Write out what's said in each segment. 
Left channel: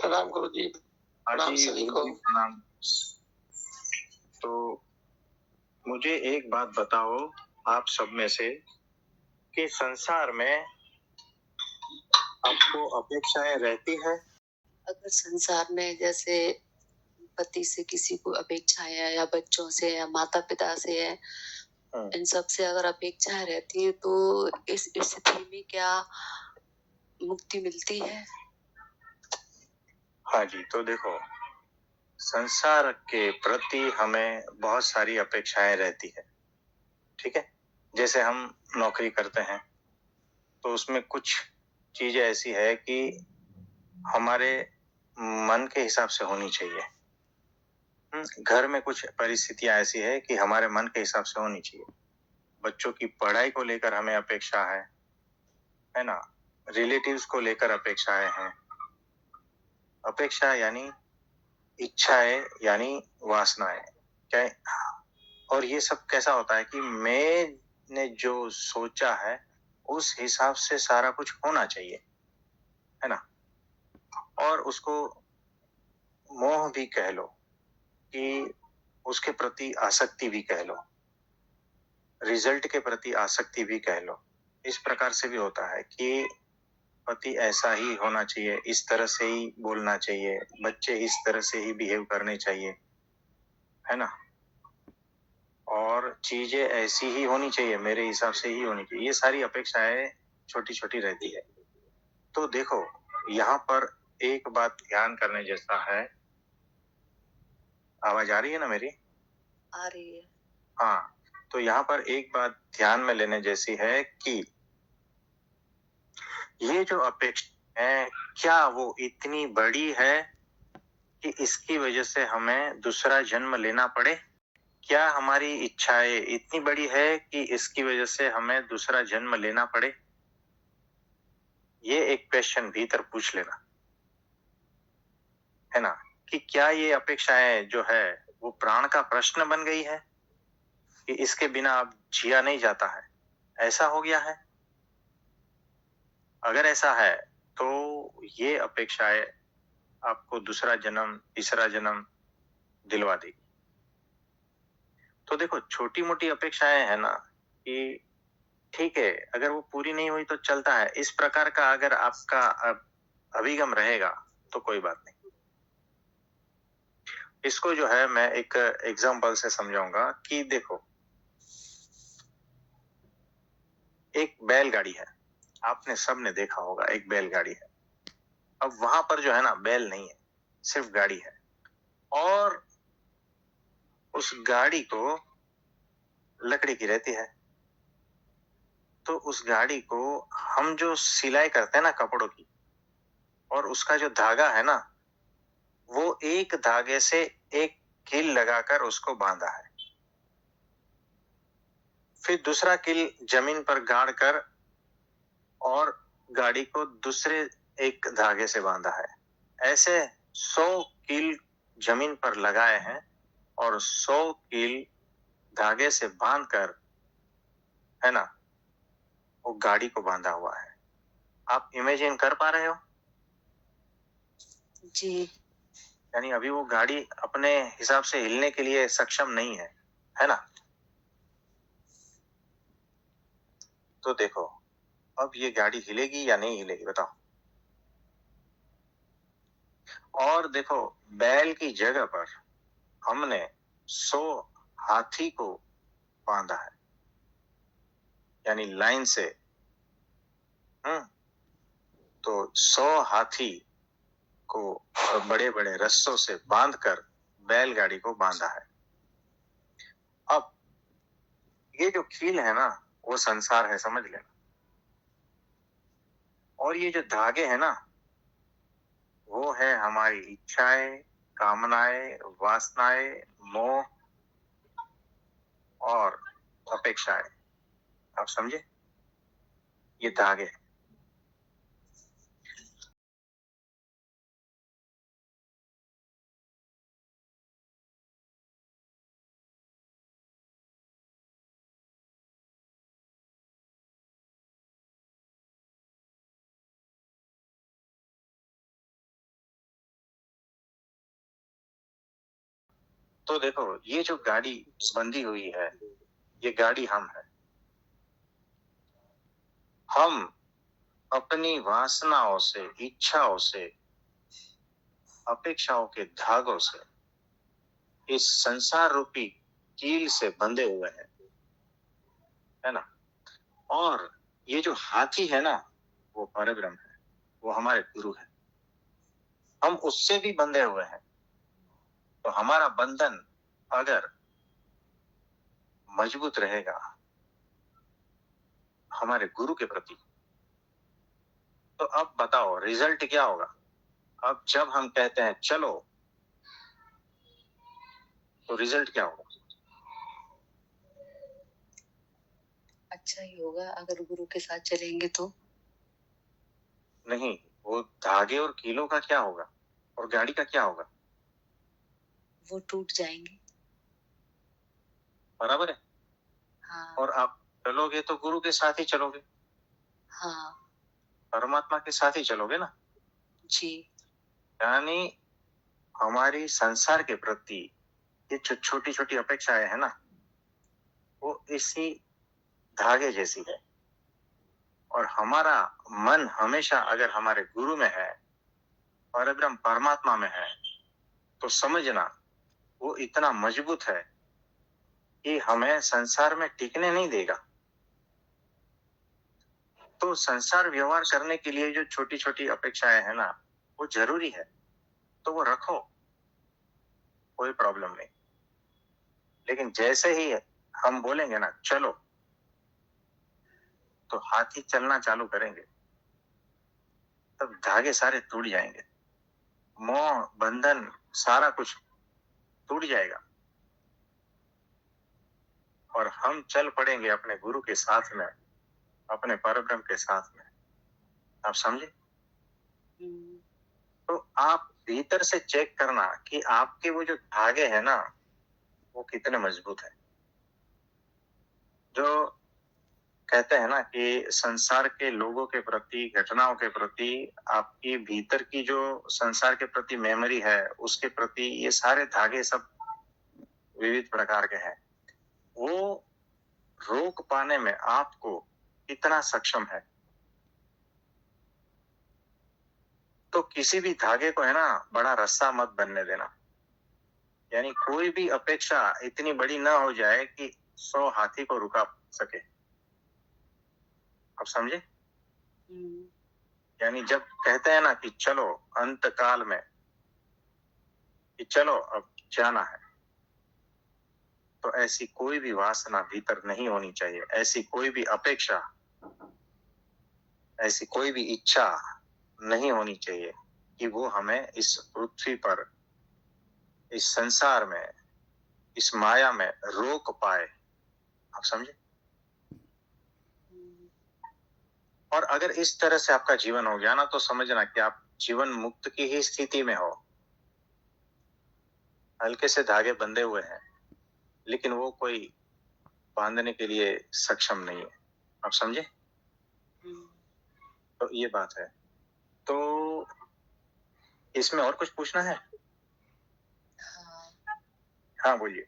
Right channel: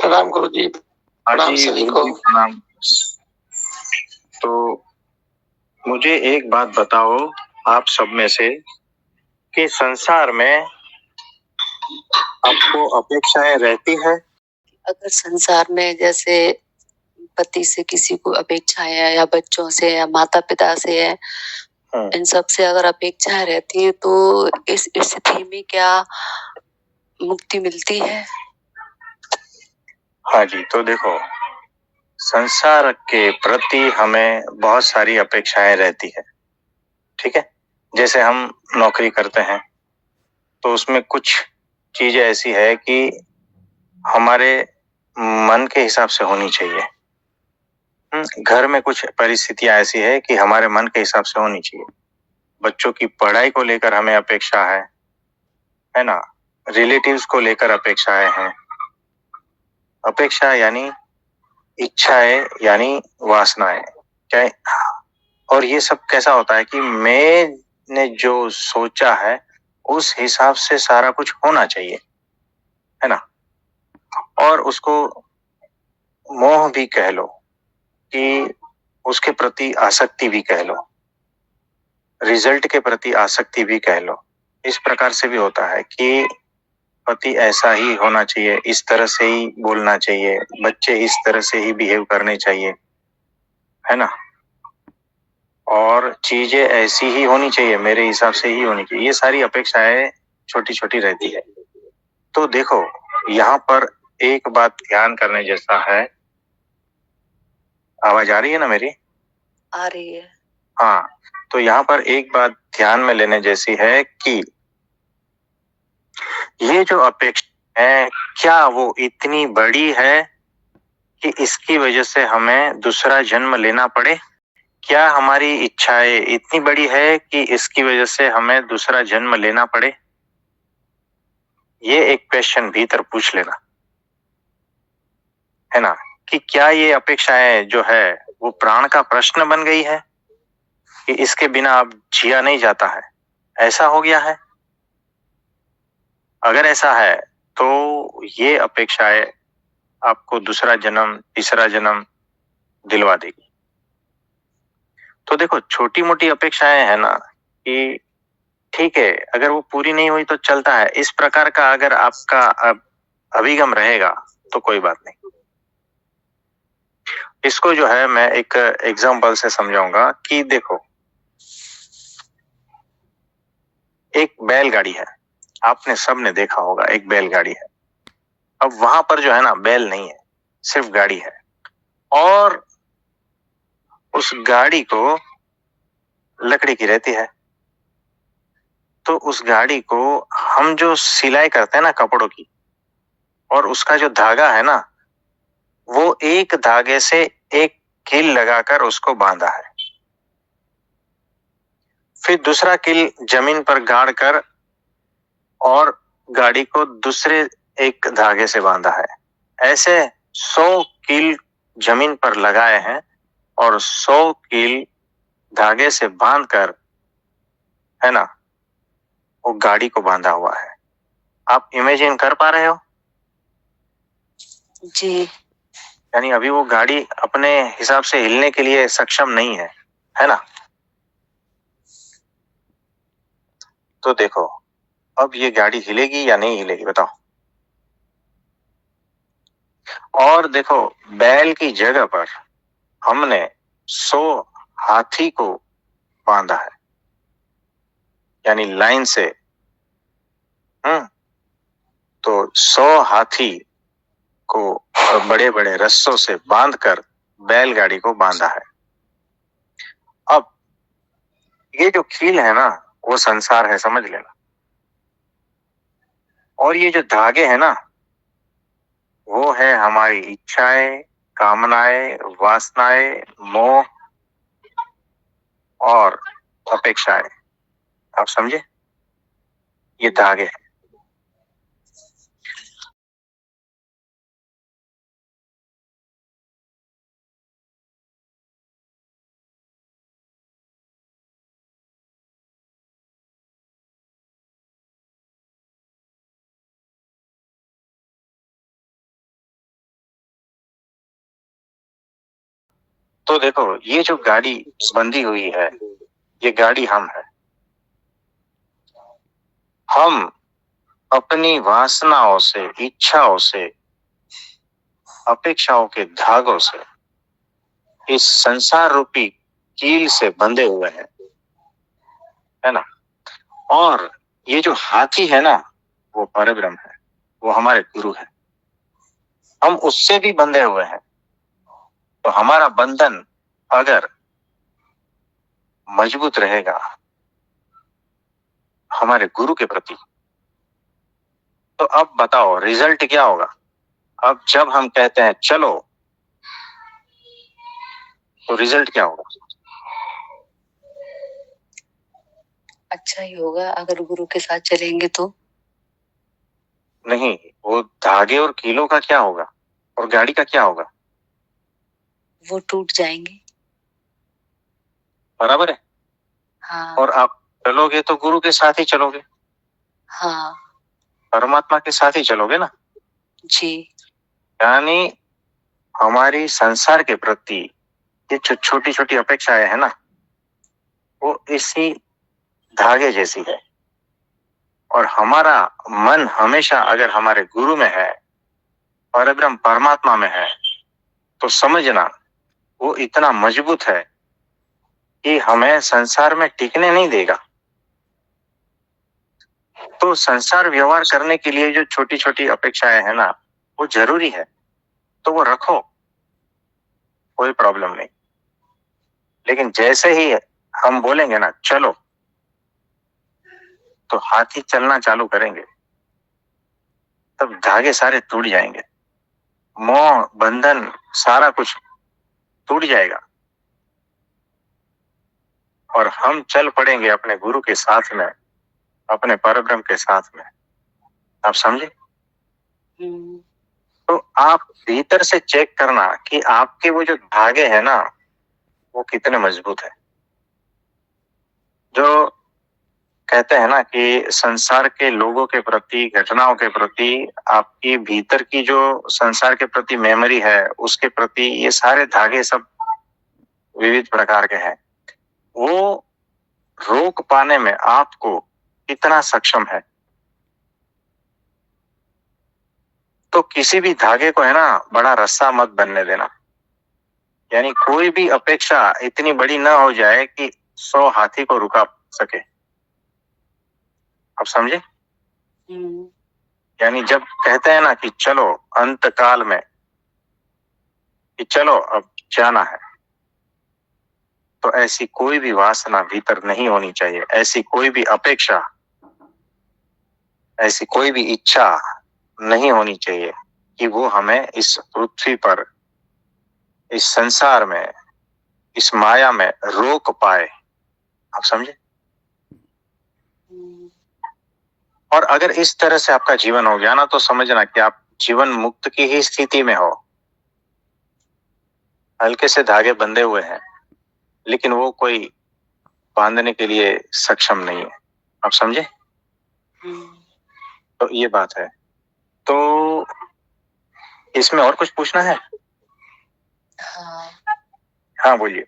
प्रणाम गुरु जी। हाँ प्रणाम जी, सभी गुरु को। जी प्रणाम। तो मुझे एक बात बताओ, आप सब में से, कि संसार में आपको अपेक्षाएं रहती है? अगर संसार में जैसे पति से किसी को अपेक्षाएं है, या बच्चों से, या माता पिता से है, इन सब से अगर अपेक्षाएं रहती है तो इस स्थिति में क्या मुक्ति मिलती है? हाँ जी, तो देखो, संसार के प्रति हमें बहुत सारी अपेक्षाएं रहती है, ठीक है। जैसे हम नौकरी करते हैं तो उसमें कुछ चीजें ऐसी है कि हमारे मन के हिसाब से होनी चाहिए। घर में कुछ परिस्थितियां ऐसी है कि हमारे मन के हिसाब से होनी चाहिए। बच्चों की पढ़ाई को लेकर हमें अपेक्षा है ना। रिलेटिव्स को लेकर अपेक्षाएं हैं। अपेक्षा यानी इच्छाएं, यानी वासनाएं। क्या? और ये सब कैसा होता है कि मैंने जो सोचा है उस हिसाब से सारा कुछ होना चाहिए, है ना। और उसको मोह भी कह लो, कि उसके प्रति आसक्ति भी कह लो, रिजल्ट के प्रति आसक्ति भी कह लो। इस प्रकार से भी होता है कि पति ऐसा ही होना चाहिए, इस तरह से ही बोलना चाहिए, बच्चे इस तरह से ही बिहेव करने चाहिए, है ना। और चीजें ऐसी ही होनी चाहिए, मेरे हिसाब से ही होनी चाहिए। ये सारी अपेक्षाएं छोटी छोटी रहती है। तो देखो, यहाँ पर एक बात ध्यान करने जैसा है। आवाज आ रही है ना मेरी? आ रही है। हाँ, तो यहाँ पर एक बात ध्यान में लेने जैसी है कि ये जो अपेक्षा है, क्या वो इतनी बड़ी है कि इसकी वजह से हमें दूसरा जन्म लेना पड़े? क्या हमारी इच्छाएं इतनी बड़ी है कि इसकी वजह से हमें दूसरा जन्म लेना पड़े? ये एक क्वेश्चन भीतर पूछ लेना, है ना। कि क्या ये अपेक्षाएं जो है वो प्राण का प्रश्न बन गई है कि इसके बिना अब जिया नहीं जाता है, ऐसा हो गया है? अगर ऐसा है तो ये अपेक्षाएं आपको दूसरा जन्म, तीसरा जन्म दिलवा देगी। तो देखो, छोटी मोटी अपेक्षाएं है ना, कि ठीक है, अगर वो पूरी नहीं हुई तो चलता है, इस प्रकार का अगर आपका अभिगम रहेगा तो कोई बात नहीं। इसको जो है मैं एक एग्जांपल से समझाऊंगा कि देखो, एक बैलगाड़ी है। आपने सबने देखा होगा, एक बैलगाड़ी है। अब वहां पर जो है ना, बैल नहीं है, सिर्फ गाड़ी है। और उस गाड़ी को लकड़ी की रहती है। तो उस गाड़ी को हम जो सिलाई करते हैं ना कपड़ों की, और उसका जो धागा है ना, वो एक धागे से एक कील लगाकर उसको बांधा है। फिर दूसरा कील जमीन पर गाड़ कर और गाड़ी को दूसरे एक धागे से बांधा है। ऐसे 100 कील जमीन पर लगाए हैं और 100 कील धागे से बांधकर, है ना, वो गाड़ी को बांधा हुआ है। आप इमेजिन कर पा रहे हो? जी। यानी अभी वो गाड़ी अपने हिसाब से हिलने के लिए सक्षम नहीं है ना। तो देखो, अब ये गाड़ी हिलेगी या नहीं हिलेगी, बताओ। और देखो, बैल की जगह पर हमने 100 हाथी को बांधा है, यानी लाइन से। तो 100 हाथी को बड़े बड़े रस्सों से बांधकर बैलगाड़ी को बांधा है। अब ये जो कील है ना, वो संसार है, समझ लेना। और ये जो धागे है ना, वो है हमारी इच्छाएं, कामनाएं, वासनाएं, मोह और अपेक्षाएं। आप समझे? ये धागे हैं। तो देखो, ये जो गाड़ी बंधी हुई है, ये गाड़ी हम है। हम अपनी वासनाओं से, इच्छाओं से, अपेक्षाओं के धागों से इस संसार रूपी कील से बंधे हुए हैं, है ना। और ये जो हाथी है ना, वो परब्रह्म है, वो हमारे गुरु है। हम उससे भी बंधे हुए हैं। तो हमारा बंधन अगर मजबूत रहेगा हमारे गुरु के प्रति, तो अब बताओ रिजल्ट क्या होगा। अब जब हम कहते हैं चलो, तो रिजल्ट क्या होगा? अच्छा ही होगा अगर गुरु के साथ चलेंगे तो। नहीं, वो धागे और कीलों का क्या होगा, और गाड़ी का क्या होगा? वो टूट जाएंगे। बराबर है। हाँ। और आप चलोगे तो गुरु के साथ ही चलोगे, हाँ परमात्मा के साथ ही चलोगे ना। जी। यानी हमारी संसार के प्रति ये जो छोटी छोटी अपेक्षाएं है ना, वो इसी धागे जैसी है। और हमारा मन हमेशा अगर हमारे गुरु में है, परब्रह्म परमात्मा में है, तो समझना वो इतना मजबूत है कि हमें संसार में टिकने नहीं देगा। तो संसार व्यवहार करने के लिए जो छोटी छोटी अपेक्षाएं है ना, वो जरूरी है, तो वो रखो, कोई प्रॉब्लम नहीं। लेकिन जैसे ही हम बोलेंगे ना चलो, तो हाथी चलना चालू करेंगे, तब धागे सारे टूट जाएंगे, मोह बंधन सारा कुछ टूट जाएगा, और हम चल पड़ेंगे अपने गुरु के साथ में, अपने परब्रह्म के साथ में। आप समझे? तो आप भीतर से चेक करना कि आपके वो जो धागे हैं ना, वो कितने मजबूत है। जो कहते हैं ना कि संसार के लोगों के प्रति, घटनाओं के प्रति, आपकी भीतर की जो संसार के प्रति मेमोरी है, उसके प्रति ये सारे धागे सब विविध प्रकार के हैं। वो रोक पाने में आपको कितना सक्षम है। तो किसी भी धागे को है ना, बड़ा रस्सा मत बनने देना। यानी कोई भी अपेक्षा इतनी बड़ी ना हो जाए कि 100 हाथी को रुका सके। आप समझे? यानी जब कहते हैं ना कि चलो अंत काल में, कि चलो अब जाना है, तो ऐसी कोई भी वासना भीतर नहीं होनी चाहिए, ऐसी कोई भी अपेक्षा, ऐसी कोई भी इच्छा नहीं होनी चाहिए कि वो हमें इस पृथ्वी पर, इस संसार में, इस माया में रोक पाए। आप समझे? और अगर इस तरह से आपका जीवन हो गया ना, तो समझना कि आप जीवन मुक्त की ही स्थिति में हो। हल्के से धागे बंधे हुए हैं, लेकिन वो कोई बांधने के लिए सक्षम नहीं है। आप समझे? तो ये बात है। तो इसमें और कुछ पूछना है? हाँ बोलिए।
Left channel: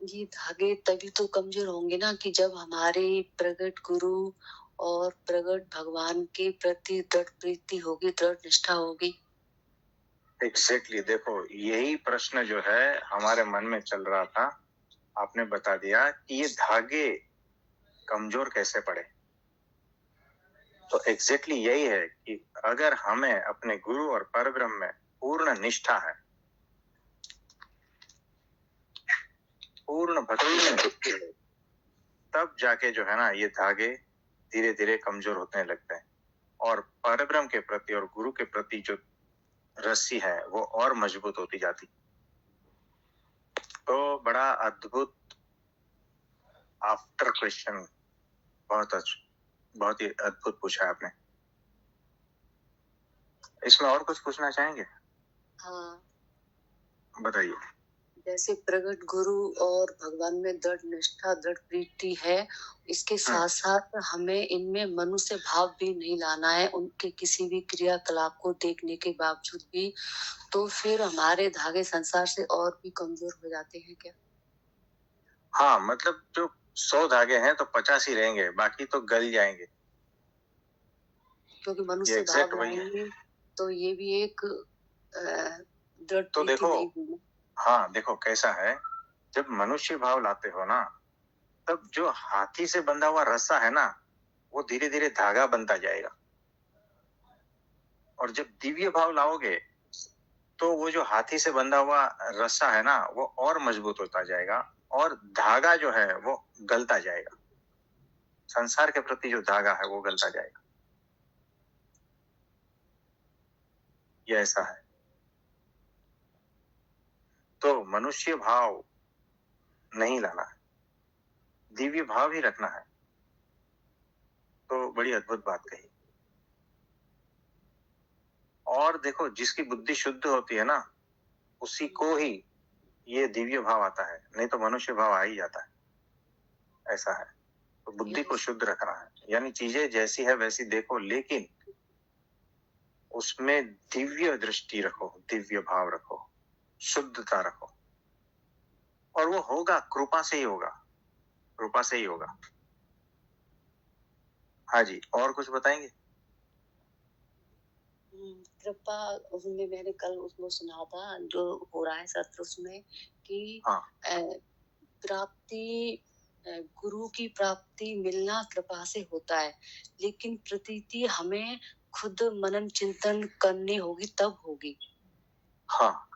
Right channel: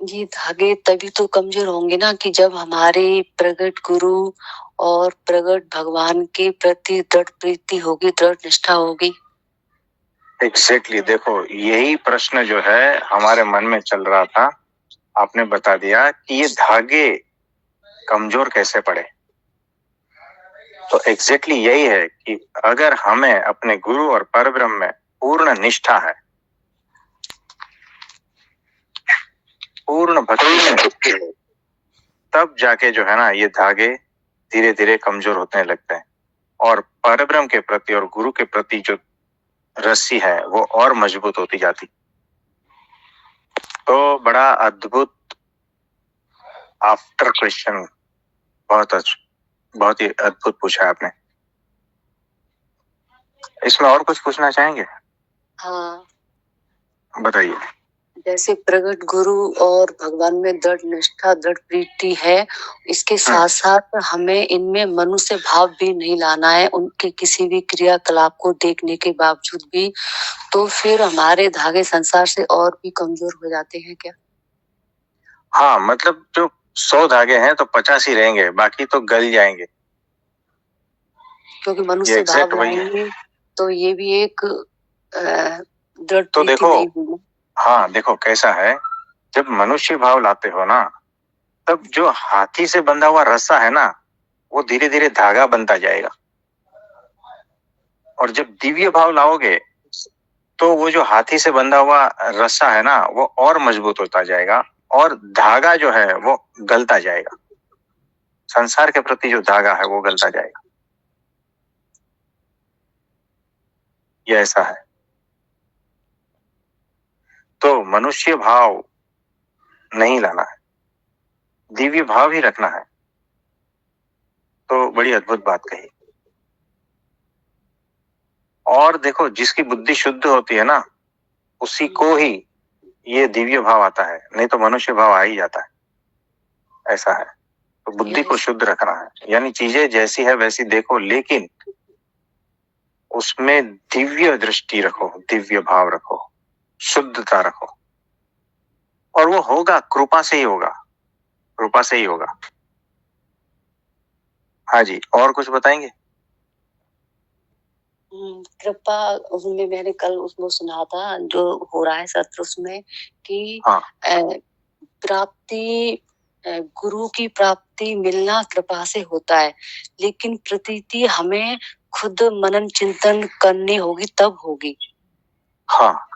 ये धागे तभी तो कमजोर होंगे ना कि जब हमारे प्रगट गुरु और प्रगट भगवान के प्रति दृढ़ प्रीति होगी, दृढ़ निष्ठा होगी। एग्जैक्टली देखो, यही प्रश्न जो है हमारे मन में चल रहा था, आपने बता दिया कि ये धागे कमजोर कैसे पड़े। तो एग्जैक्टली यही है कि अगर हमें अपने गुरु और परब्रह्म में पूर्ण निष्ठा है, पूर्ण भक्ति है, तब जाके जो है ना ये धागे धीरे धीरे कमजोर होने लगते हैं, और परब्रह्म के प्रति और गुरु के प्रति जो रस्सी है वो और मजबूत होती जाती। तो बड़ा अद्भुत आफ्टर क्वेश्चन, बहुत ही अद्भुत पूछा आपने। इसमें और कुछ पूछना चाहेंगे? हाँ बताइए। जैसे प्रगट गुरु और भगवान में दृढ़ निष्ठा, दृढ़ प्रीति है, इसके साथ साथ हमें इनमें मनुष्य भाव भी नहीं लाना है, उनके किसी भी क्रियाकलाप को देखने के बावजूद भी। तो फिर हमारे धागे संसार से और भी कमजोर हो जाते हैं क्या? हाँ, मतलब जो 100 धागे हैं तो 50 ही रहेंगे, बाकी तो गल जाएंगे। क्योंकि मनुष्य भाव लाएंगे तो ये भी एक दृढ़ तो प्रीति देखो, नहीं होगी। हाँ देखो कैसा है, जब मनुष्य भाव लाते हो ना, तब जो हाथी से बंधा हुआ रस्सा है ना, वो धीरे धीरे धागा बनता जाएगा। और जब दिव्य भाव लाओगे तो वो जो हाथी से बंधा हुआ रस्सा है ना, वो और मजबूत होता जाएगा और धागा जो है वो गलता जाएगा। संसार के प्रति जो धागा है वो गलता जाएगा। ये ऐसा है। तो मनुष्य भाव नहीं लाना है, दिव्य भाव ही रखना है। तो बड़ी अद्भुत बात कही। और देखो, जिसकी बुद्धि शुद्ध होती है ना, उसी को ही ये दिव्य भाव आता है, नहीं तो मनुष्य भाव आ ही जाता है। ऐसा है। तो बुद्धि को शुद्ध रखना है, यानी चीजें जैसी है वैसी देखो, लेकिन उसमें दिव्य दृष्टि रखो, दिव्य भाव रखो, शुद्धता रखो। और वो होगा, कृपा से ही होगा, कृपा से ही होगा। हाँ जी, और कुछ बताएंगे? कृपा उसमें मैंने कल उसमें सुना था, जो हो रहा है सत्र उसमें, कि हाँ, प्राप्ति, गुरु की प्राप्ति मिलना कृपा से होता है, लेकिन प्रतीति हमें खुद मनन चिंतन करनी होगी, तब होगी। हाँ,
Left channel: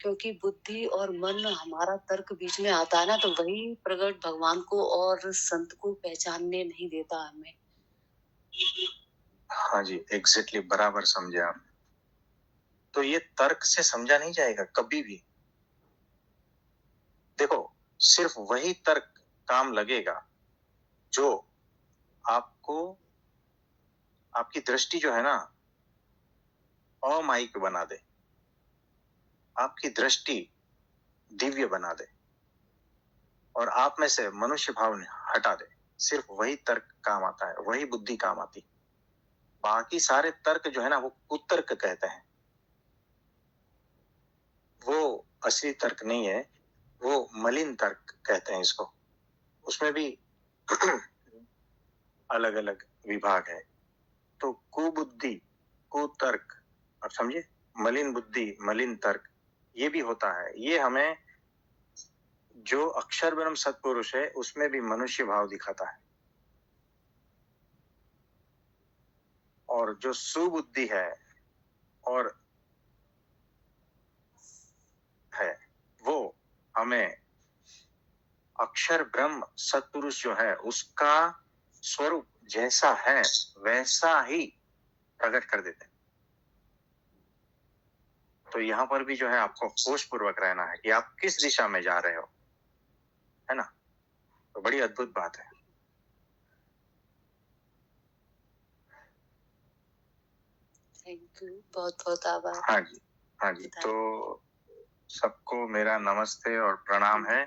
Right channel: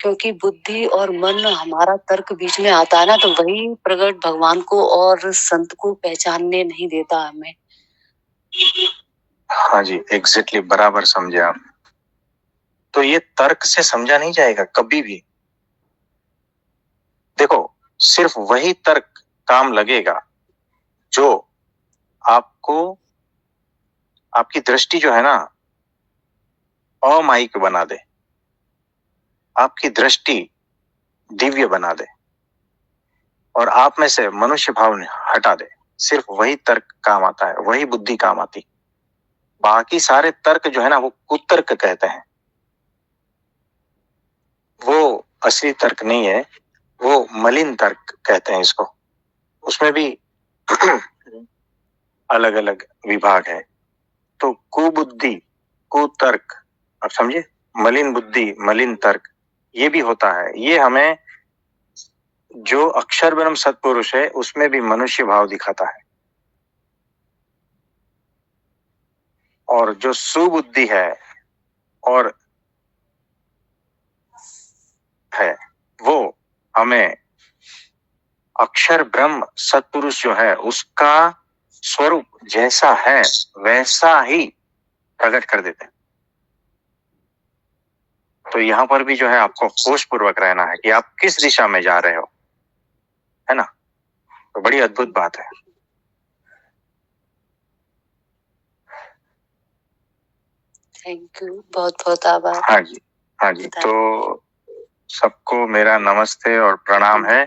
क्योंकि बुद्धि और मन, हमारा तर्क बीच में आता है ना, तो वही प्रगट भगवान को और संत को पहचानने नहीं देता हमें। हाँ जी, एग्जैक्टली, बराबर समझे आप। तो ये तर्क से समझा नहीं जाएगा कभी भी। देखो, सिर्फ वही तर्क काम लगेगा जो आपको, आपकी दृष्टि जो है ना, अमायिक बना दे, आपकी दृष्टि दिव्य बना दे और आप में से मनुष्य भाव हटा दे। सिर्फ वही तर्क काम आता है, वही बुद्धि काम आती। बाकी सारे तर्क जो है ना, वो कुतर्क कहते हैं। वो असली तर्क नहीं है, वो मलिन तर्क कहते हैं इसको। उसमें भी अलग अलग विभाग है। तो कुबुद्धि, कुतर्क, आप समझे, मलिन बुद्धि, मलिन तर्क, ये भी होता है। ये हमें, जो अक्षर ब्रह्म सत्पुरुष है उसमें भी मनुष्य भाव दिखाता है। और जो सुबुद्धि है और है, वो हमें अक्षर ब्रह्म सत्पुरुष जो है उसका स्वरूप जैसा है वैसा ही प्रकट कर देते हैं। तो यहाँ पर भी जो है आपको होश पूर्वक रहना है कि आप किस दिशा में जा रहे हो, है ना। तो बड़ी अद्भुत बात है। थैंक यू, बहुत बहुत आभार। हाँ जी, हाँ जी। तो सबको मेरा नमस्ते और प्रणाम है।